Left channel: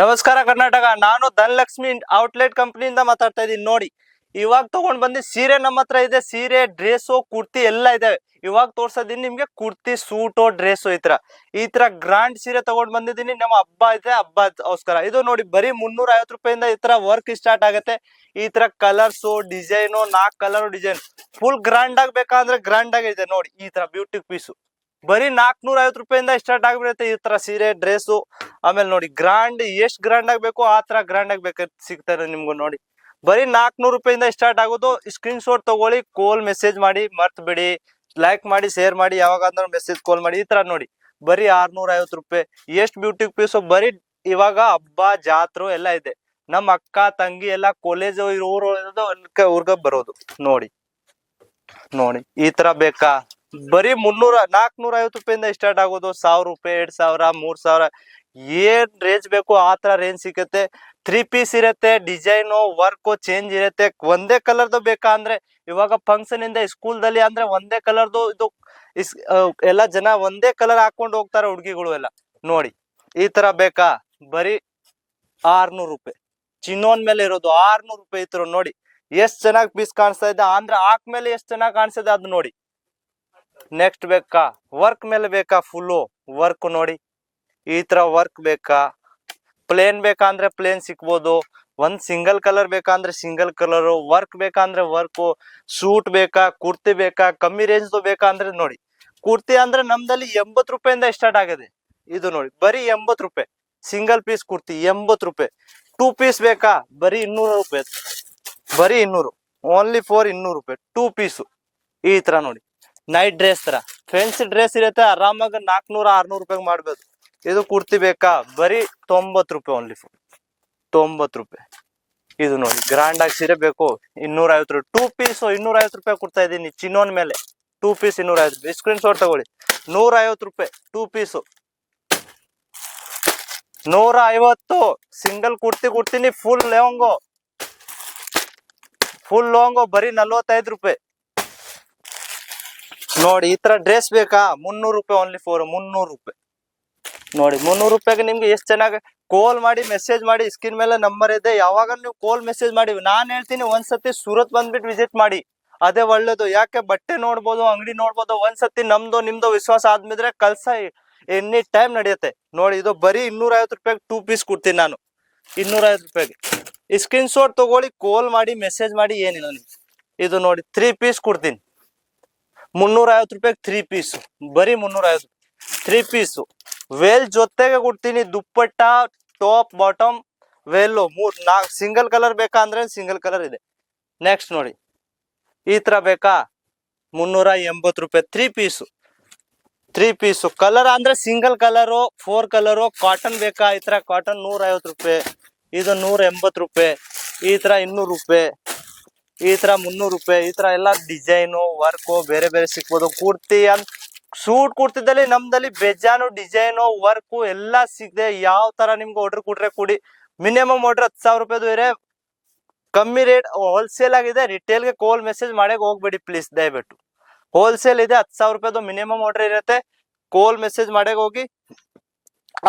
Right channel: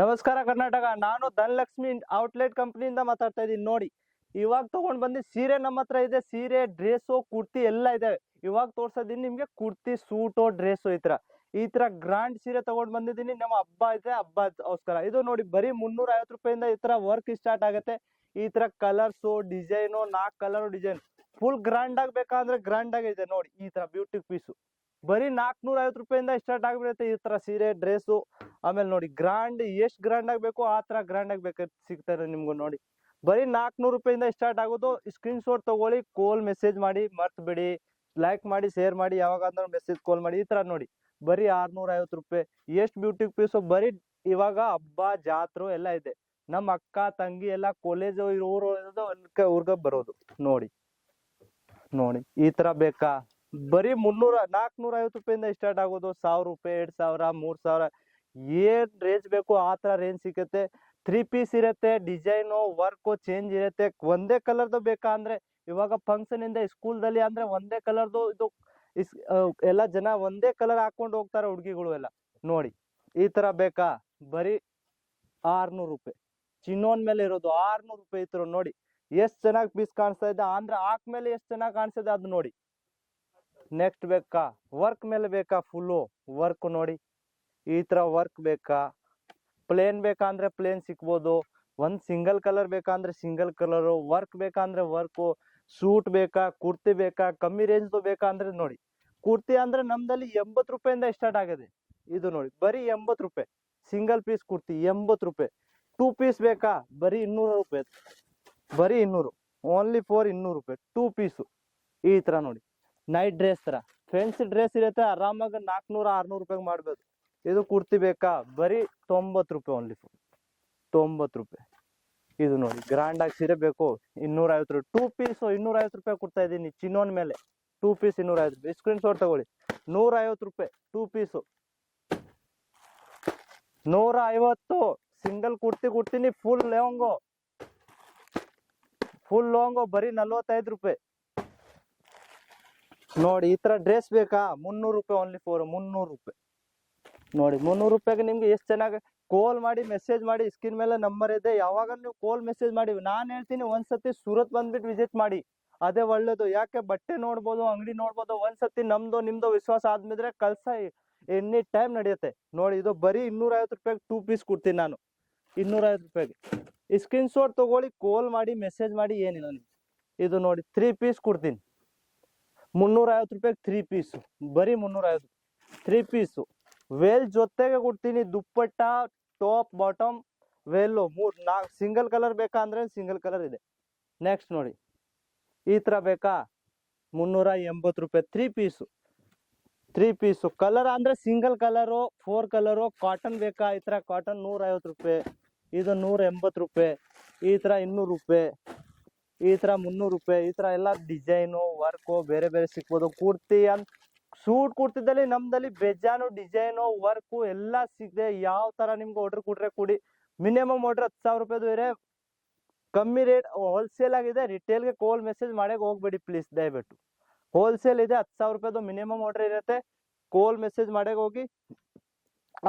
ನಮಸ್ಕಾರ ಕರ್ನಾಟಕ. ನಾನು ಧನಲಕ್ಷ್ಮಿ ಔಟ್ಲೆಟ್ ಕಂಪನಿಯಿಂದ ಮಾತಾಡ್ತಾ ಇದ್ದೀನಿ. ನೋಡಿ, ಇವಾಗ ತಗೊಂಡ್ ಬಂದಿ ಸೀರೆ ನಮ್ಮ ಹತ್ರ ಇದೆ. ಸೀರೆ, ಡ್ರೆಸ್ಸು, ಕುರ್ತಿ ಎಲ್ಲ ಇದಾವೆ. ಇವಾಗ ತೋರ್ಸೋದೀನಿ ನಿಮ್ಗೆ ಕುರ್ತಿ, ಸೂಟು, ಡ್ರೆಸ್ಸು ಈ ತರ ಗ್ರಾಂಡ್ ಸೀರೆ ತಗೊಂಡ್ ಬಂದಿದ್ದೀನಿ. ನಮ್ಮ ಹಬ್ಬ ಇದೆ, ಹಬ್ಬಗೋಸ್ಕರ. ಇದು ನೋಡಿ, ಬರೀ 350 ರೂಪಾಯಿಂದ ಈ ತರ ವರ್ಕ್ ಸ್ಟಾರ್ಟ್ ಆಗುತ್ತೆ. ಈ ತರ colours, design, 4 colour design full grand ಆಗಿ ಬೇಕಂದ್ರೆ ಗ್ರಾಂಡ್ ಆಗಿ ಇದೆ. ನೋಡಿ, ಈ ತರ ಬ್ಯೂಟಿ ಪೀಸು ಬರೀ 450 ರೂಪಾಯಿಂದ ಸ್ಟಾರ್ಟ್ ಆಗ್ಬಿಡುತ್ತೆ. ಈ ತರ ಸೀರೆ, ಡ್ರೆಸ್ಸು. ಆಮೇಲೆ ನೋಡಿ, ಗ್ರಾಂಡ್ ಎಷ್ಟ್ ಗ್ರಾಂಡ್ ಆಗ್ಬೇಕು ಆ ತರ ಗ್ರಾಂಡ್ ಆಗ್ಬೇಕು ಸಿಗ್ತಾರೆ ನಿಮ್ಗೂ. ನೋಡಿ, ಬರೀ 400 ರೂಪಾಯಿಂದ ಸ್ಟಾರ್ಟ್ ಆಗೋದು. ಸ್ಕ್ರೀನ್ ಶಾಟ್ ತಗೊಳ್ಳಿ, ಕಾಲ್ ಮೆಸೇಜ್ ಮಾಡಿ, ಮರ್ತ್ ಬಿಡಿ. ಲೈಕ್ ಮಾಡಿ, ಶೇರ್ ಮಾಡಿ, ಯಾವಾಗಾದ್ರೂ ಮೆಸೇಜ್ ಕಾಲ್ ಮಾಡಿ. ಈ ತರ ನೋಡಿ, ಬರೀ 650 ರೂಪಾಯಿ. ಎಷ್ಟು ಬ್ಯೂಟಿ ಪೀಸು. ಬರೀ ಇವಾಗ ಹಬ್ಬ, ಜಾತ್ರೆ ಎಲ್ಲ ಇದೆ. ನಮ್ಮ ಅಕ್ಕ ತಂಗಿ ಎಲ್ಲ ಕಾಲೇಜ್ ಊರ್ಗ ಬರೋದು. ನೋಡಿ ನೋಡಿ, ಈ ತರ ಬೇಕಾ? ಬರೀ 450 ರೂಪಾಯಿಂದ ಸ್ಟಾರ್ಟ್ ಆಗೋದು. 1000 ರೂಪಾಯಿ, 2000, 3000 ಏನ್ ರೇಂಜ್ ಬೇಕು ಆ ತರ ರೇಂಜ್ ಸಿಗುತ್ತೆ. 3 ಪೀಸ್ ಇರುತ್ತೆ. ಡಿಸೈನು, ವರ್ಕ್ ಚೇಂಜ್ ಇರುತ್ತೆ. ಒಂದೇ ಕಲರ್ದು ಬೇಕಾ ಅಂದ್ರೆ, ಇವಾಗ ಫಂಕ್ಷನ್ ಇಂದ ಸ್ಕೂಲ್ ದಲ್ಲಿ ಅಂದ್ರೆ ಒಂದೇ ಕಲರ್ದು ಇದು ಎಲ್ಲ ಜನ ಒಂದೇ ಕಲರ್ ಹಾಕೊಂಡು ಹೋಗ್ತಾರೆ ಹುಡುಗಿಗಳು ಎಲ್ಲ. ನೋಡಿ, ಈ ತರ ಬೇಕಾ? ಬರೀ 600 ರೂಪಾಯಿ. ಚಿನ್ನೋನ್ ಮೇಲೆ ಇರೋದು 600 ರೂಪಾಯಿ. ಈ ತರ ನೋಡಿ, ಎಷ್ಟ್ ಚೆನ್ನಾಗಿ ಪೀಸ್ ಕಾಣಿಸ್ತಾ ಇದೆ ಅಂದ್ರೆ ಹಾಕ್ಮೇಲೆ ಎಷ್ಟ್ ಚೆನ್ನಾಗಿ ಕಾಣಿಸ್ತದೆ ಅದು ನೋಡಿ. ನೆಕ್ಸ್ಟ್ ಬೇಕಾ? ವರ್ಕ್ ಮೇಲೆ ಬೇಕಾ? ಫುಲ್ಲು ವರ್ಕ್ ನೋಡಿ, ಈ ತರ ವರ್ಕ್ ಬೇಕಾ? ಪ್ಲೇನ್ ಬೇಕಾ ಅಂದ್ರೆ ಪ್ಲೇನ್ ಸಿಕ್ಬೋದು. ಒಂದ್ ಸಿಂಗಲ್ ಕಲರ್ ಬೇಕಾ ಅಂದ್ರೆ ಸಿಂಗಲ್ ಕಲರ್. ವರ್ಕ್ ಬೇಕಾ ಅಂದ್ರೆ ವರ್ಕ್. ಸೂಟ್ ಬೇಕಾ? ಕುರ್ತಿ ಬೇಕಾ? ಕಮ್ಮಿ ರೇಂಜ್ ಬೇಕಾ ಅಂದ್ರೆ ನೋಡಿ, ಕುರ್ತಿ ಅಂದ್ರೆ ನಮ್ದಲ್ಲಿ 80 ರೂಪಾಯಿಂದ ಸ್ಟಾರ್ಟ್ ಆಗಿದೆ. ಇದು ನೋಡಿ, ಬರೀ 80 ರೂಪಾಯಿ. ಸಿಂಗಲ್ ಪೀಸ್ ಕುರ್ತಿ 80 ರೂಪಾಯಿ. 2 ಪೀಸ್ ಬೇಕಾ? ಬರೀ 200 ರೂಪಾಯಿ. ಬರೀ 200, ಓನ್ಲಿ ಫಾರ್ 200 ರೂಪಾಯಿ 2 ಪೀಸು. ಈ ತರ ನೋಡಿ, ನೈಟ್ ಡ್ರೆಸ್ ತರ ಫ್ಯಾನ್ಸಿ ಡ್ರೆಸ್ ಇರುತ್ತೆ. ಆರಾಮಾಗಿ 400, 600 ರೂಪಾಯಿ ಮಾಡ್ಬೋದು. ಇದು ಕುರ್ತಿ ಬೇಕಾ? ಬರೀ 90 ರೂಪಾಯಿ, ಓನ್ಲಿ ಫಾರ್ 90 ರೂಪಾಯಿ. ಇದು ನೋಡಿ, ಗ್ರಾಂಡ್ ಆಗಿ ಸೀರೆ ಬೇಕು 250 ರೂಪಾಯಿ. 2 ಪೀಸ್ 250 ರೂಪಾಯಿ ಕೊಡ್ತಾ ಇದ್ದೀನಿ. ಚಿನ್ನೋನ್ ಮೇಲೆ 2 ಪೀಸ್ 250 ರೂಪಾಯಿ. ಸ್ಕ್ರೀನ್ ಶಾಟ್ ತಗೊಳ್ಳಿ. 150 ರೂಪಾಯಿ 2 ಪೀಸು. 150. ಸಿಂಗಲ್ ಕುರ್ತಿ ಕೊಡ್ತೀನಿ, ಫುಲ್ ಲೆಹಂಗೋ. ಬರೀ 45 ರೂಪಾಯಿ. ನೋಡಿ, ಈ ತರ ಡ್ರೆಸ್ ಬೇಕಾ? 300 ರೂಪಾಯಿ, ಓನ್ಲಿ ಫಾರ್ 300 ರೂಪಾಯಿ. ನೋಡಿ, 300 ರೂಪಾಯಿಗೆ ನಿಮ್ಗೆ ಎಷ್ಟು ಚೆನ್ನಾಗಿ ಕಾಲ್ ಮಾಡಿ, ಮೆಸೇಜ್ ಮಾಡಿ. ಸ್ಕ್ರೀನ್ ಮೇಲೆ ನಂಬರ್ ಇದೆ. ಯಾವಾಗ ನೀವು ಕಾಲ್ ಮೆಸೇಜ್ ಮಾಡಿ, ನಾನ್ ಹೇಳ್ತೀನಿ ಒಂದ್ಸತಿ ಸೂರತ್ ಬಂದ್ಬಿಟ್ಟು ವಿಸಿಟ್ ಮಾಡಿ. ಅದೇ ಒಳ್ಳೇದು. ಯಾಕೆ? ಬಟ್ಟೆ ನೋಡ್ಬೋದು, ಅಂಗಡಿ ನೋಡ್ಬೋದು. ಒಂದ್ಸತಿ ನಮ್ದು ನಿಮ್ದು ವಿಶ್ವಾಸ ಆದ್ಮೇಲೆ ಕಲ್ಸ ಎನಿ ಟೈಮ್ ನಡೆಯುತ್ತೆ. ನೋಡಿ, ಇದು ಬರೀ 250 ರೂಪಾಯಿಗೆ 2 ಪೀಸ್ ಕೊಡ್ತೀನಿ ನಾನು. 250 ರೂಪಾಯಿಗೆ ಸ್ಕ್ರೀನ್ ಶಾಟ್ ತಗೊಳ್ಳಿ, ಕಾಲ್ ಮಾಡಿ, ಮೆಸೇಜ್ ಮಾಡಿ. ಏನಿಲ್ಲ ನಿಮ್ಗೆ. ಇದು ನೋಡಿ, 3 ಪೀಸ್ ಕೊಡ್ತೀನಿ. 350 ರೂಪಾಯಿಗೆ 3 ಪೀಸು. ಬರೀ 350. 3 ಪೀಸು ವೇಲ್ ಜೊತೆಗೆ ಕೊಡ್ತೀನಿ. Dupatta, top, bottom, veil 4 single colour ಬೇಕಾ ಅಂದ್ರೆ ಸಿಂಗಲ್ ಕಲರ್ ಇದೆ. ನೆಕ್ಸ್ಟ್ ನೋಡಿ, ಈ ತರ ಬೇಕಾ? 380 ರೂಪಾಯಿ 3 ಪೀಸು. 3 ಪೀಸು ಕಲರ್ ಅಂದ್ರೆ ಸಿಂಗಲ್ ಕಲರು, 4 ಕಲರು. ಕಾಟನ್ ಬೇಕಾ? ಈ ತರ ಕಾಟನ್ 150 ರೂಪಾಯಿ. ಇದು 180 ರೂಪಾಯಿ. ಈ ತರ 200 ರೂಪಾಯಿ. ಈ ತರ 300 ರೂಪಾಯಿ. ಈ ತರ ಎಲ್ಲ ಡಿಸೈನು, ವರ್ಕು ಬೇರೆ ಬೇರೆ ಸಿಕ್ಬೋದು. ಕುರ್ತಿ ಸೂಟ್ ಕುರ್ತಿದಲ್ಲಿ ನಮ್ದಲ್ಲಿ ಬೇಜಾನು ಡಿಸೈನು, ವರ್ಕು ಎಲ್ಲ ಸಿಗದೆ. ಯಾವ ತರ ನಿಮ್ಗೆ ಆರ್ಡರ್ ಕೊಟ್ರೆ ಕೊಡಿ. ಮಿನಿಮಮ್ ಆರ್ಡರ್ 10,000 ರೂಪಾಯಿದು ಇರೆ. ಕಮ್ಮಿ ರೇಟ್ ಹೋಲ್ಸೇಲ್ ಆಗಿದೆ. ರಿಟೇಲ್ಗೆ ಕಾಲ್ ಮೆಸೇಜ್ ಮಾಡಕ್ ಹೋಗ್ಬೇಡಿ ಪ್ಲೀಸ್, ದಯವಿಟ್ಟು. ಹೋಲ್ಸೇಲ್ ಇದೆ, 10,000 ರೂಪಾಯಿದು ಮಿನಿಮಮ್ ಆರ್ಡರ್ ಇರುತ್ತೆ. ಕಾಲ್ ಮೆಸೇಜ್ ಮಾಡಕ್ ಹೋಗಿ.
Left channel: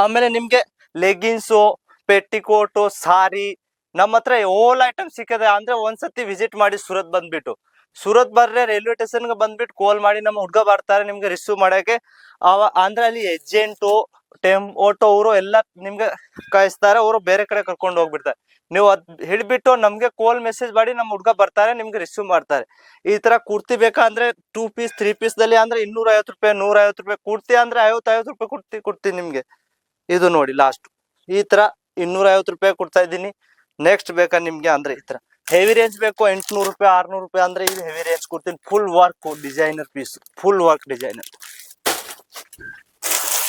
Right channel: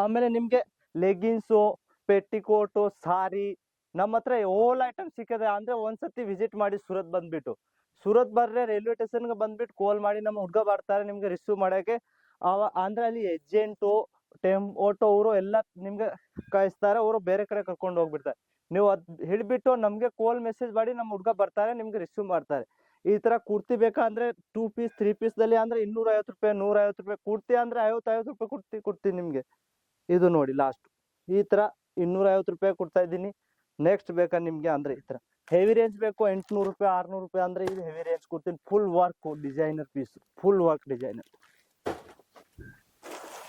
ಆಮೇಲೆ ನಿಮ್ಗೆ ಲೆಗಿನ್ಸು, ಪೆಟ್ಟಿಕೋಟು, ಸಾರಿ ನಮ್ಮ ಹತ್ರ ಓಲ್ ಐಟಮ್ ಸಿಕ್ಕದೆ. ಅಂದ್ರೆ ಒಂದ್ಸತಿ ವಿಸಿಟ್ ಮಾಡಿ ಸೂರತ್ ಬಂದ್ಬಿಟ್ಟು. ಸೂರತ್ ಬರ್ರೆ ರೈಲ್ವೆ ಸ್ಟೇಷನ್ಗೆ ಬಂದ್ಬಿಟ್ಟು ಕಾಲ್ ಮಾಡಿ. ನಮ್ಮ ಹುಡ್ಗ ಬರ್ತಾರೆ ನಿಮ್ಗೆ ರಿಸೀವ್ ಮಾಡಕ್ಕೆ. ಅಂದ್ರೆ ಅಲ್ಲಿ ಏಜೆಂಟು, ಆಟೋ ಅವರು ಎಲ್ಲ ನಿಮ್ಗೆ ಕಳಿಸ್ತಾರೆ. ಅವರು ಬೇರೆ ಕಡೆ ಕರ್ಕೊಂಡು ಹೋಗ್ಬಿಡ್ತಾರೆ. ನೀವು ಅದ್ ಹಿಡ್ಬಿಟ್ಟು ನಮ್ಗೆ ಕಾಲ್ ಮೆಸೇಜ್ ಮಾಡಿ, ನಮ್ಮ ಹುಡ್ಗ ಬರ್ತಾರೆ, ನಿಮ್ಗೆ ರಿಸೀವ್ ಮಾಡ್ತಾರೆ. ಈ ತರ ಕುರ್ತಿ ಬೇಕಾ ಅಂದ್ರೆ 2 ಪೀಸ್ 3 ಪೀಸ್ ದಲ್ಲಿ ಅಂದ್ರೆ 250 ರೂಪಾಯಿ, 150 ರೂಪಾಯಿ. ಕುರ್ತಿ ಅಂದ್ರೆ 50 ರೂಪಾಯಿ ಕೊಡ್ತೀನಿ ನಿಮ್ಗೆ. ಇದು ನೋಡಿ, ಲಾಸ್ಟ್ ಈ ತರ 250 ರೂಪಾಯಿ ಕೊಡ್ತಾ ಇದ್ದೀನಿ. ನೆಕ್ಸ್ಟ್ ಬೇಕಾ ನಿಮ್ಗೆ ಅಂದ್ರೆ ಈ ತರ ಹೆವಿ ರೇಂಜ್ ಬೇಕು 800 ರೂಪಾಯಿ, 600 ರೂಪಾಯಿ ಅಂದ್ರೆ ಇದು ಹೆವಿ ರೇಂಜ್ ಕೊಡ್ತೀನಿ. Full work designer piece, full work designer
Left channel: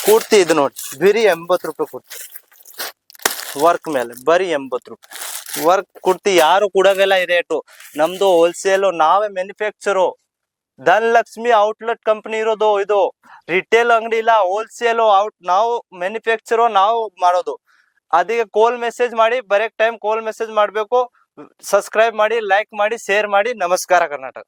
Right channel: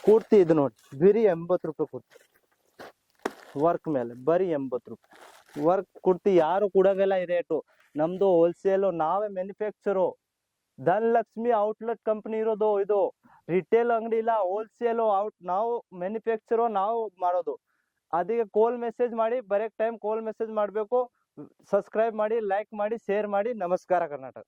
kurti. ಇದು ನೋಡಿ, ಬರೀ 80 ರೂಪಾಯಿ ಕೊಡ್ತೀನಿ. ವರ್ಕ್ ಮೇಲೆ ಬರೀ 80 ರೂಪಾಯಿ. ವರ್ಕ್ ಕುರ್ತಿ ಯಾರು ಕೊಡೋದಿಲ್ಲ ಈ ರೇಟು. ನಮ್ದು ಹೋಲ್ಸೇಲು, ನಾವೇ ಮ್ಯಾನುಫ್ಯಾಕ್ಚರು. ಧನಲಕ್ಷ್ಮಿ ಔಟ್ಲೆಟ್ ಕಂಪನಿ ಇರೋದು. ಇದು ರಿಟೇಲ್ ಅಂಗಡಿ ಇಲ್ಲ, ಹೋಲ್ಸೇಲು. ನಾವು ಮ್ಯಾನುಫ್ಯಾಕ್ಚರು, ನಾವು ಮಾಡೋದು. ಅದಕ್ಕೆ ಕಾಲ್ ಮೆಸೇಜ್ ಮಾಡಿ. ಬರೆಕ್ ಟೈಮ್ ಕಾಲ್ ಮೆಸೇಜ್ ಮಾಡಬೇಕು. ಸಬ್ಸ್ಕ್ರೈಬ್ ಮಾಡಿ, ಲೈಕ್ ಮಾಡಿ, ಶೇರ್ ಮಾಡಿ. ನಮಸ್ಕಾರ ಕರ್ನಾಟಕ.